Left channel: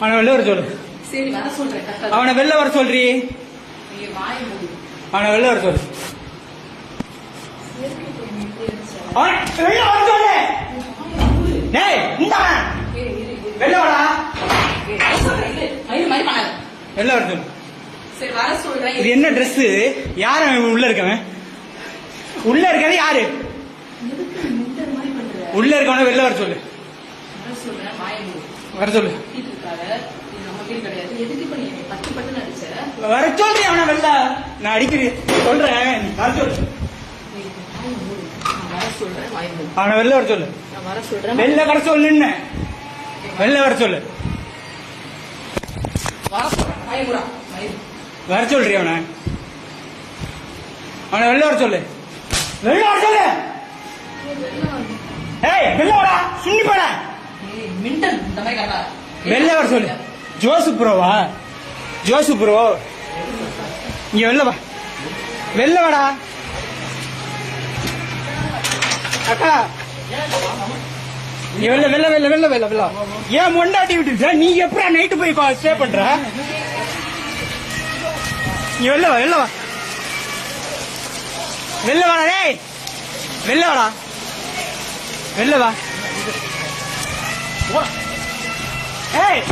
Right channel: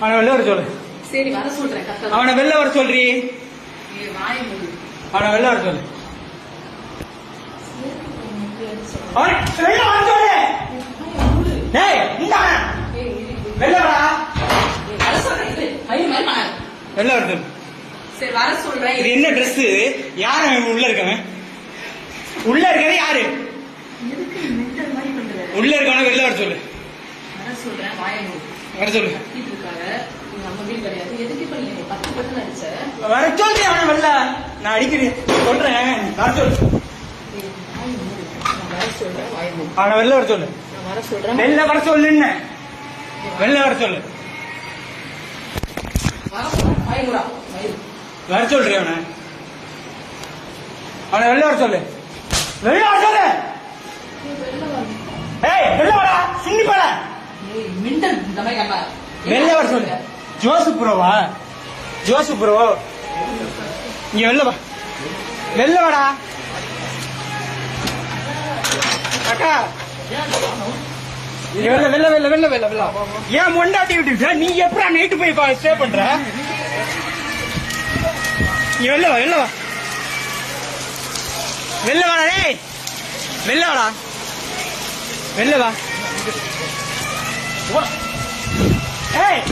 அவனை வெளில வர சொல்லு. சரி வர சொல்றேன். அவனை வெளில வர சொல்றி. அவனை வெளில வர சொல்லு. அவனை வெளில வர சொல்லு. டேய் இந்தா வெளில வாடா. வர சொல்றேன். வெளில வர சொல்லு. சரி வர சொல்றேன். இது என்ன ட்ரெஸ்? யாரு உள்ள இருக்கவன்? உள்ள இருக்கவே யாரு? உள்ள இருக்கவன வெளில வர சொல்லு. வர சொல்றேன். வர சொல்லு. வர சொல்லு. அவனை வெளில நான் அடிக்கிறேன் சொல்றேன். வர சொல்லு. அவனை வெளில வர சொல்லு. வெளில வர சொல்லுன்னு. வெளில வர சொல்லு. வர சொல்றியா அவனை? அவனை வெளில வர சொல்லு. வெளில வர சொல்லு. ஏய் வெளில வாடா. சின்னி பண்ண வெளில வர சொல்லு. ஜோசு ப்ரோவா? ஜோசு ப்ரோ இங்க வெளில வா. வெளில வாடா அக்கா. நீ வெளில வெளில வெளில வெளில வெளில வெளில. ஏன் மொண்டாட்டி விட்டு நீ எப்படா நைட்டு போய் ஸ்டே பண்ற? நீ வெளில வா. வெளில வா. வெளில வாடா. டேய் வெளில வாடா. வெளில வா. ஏய்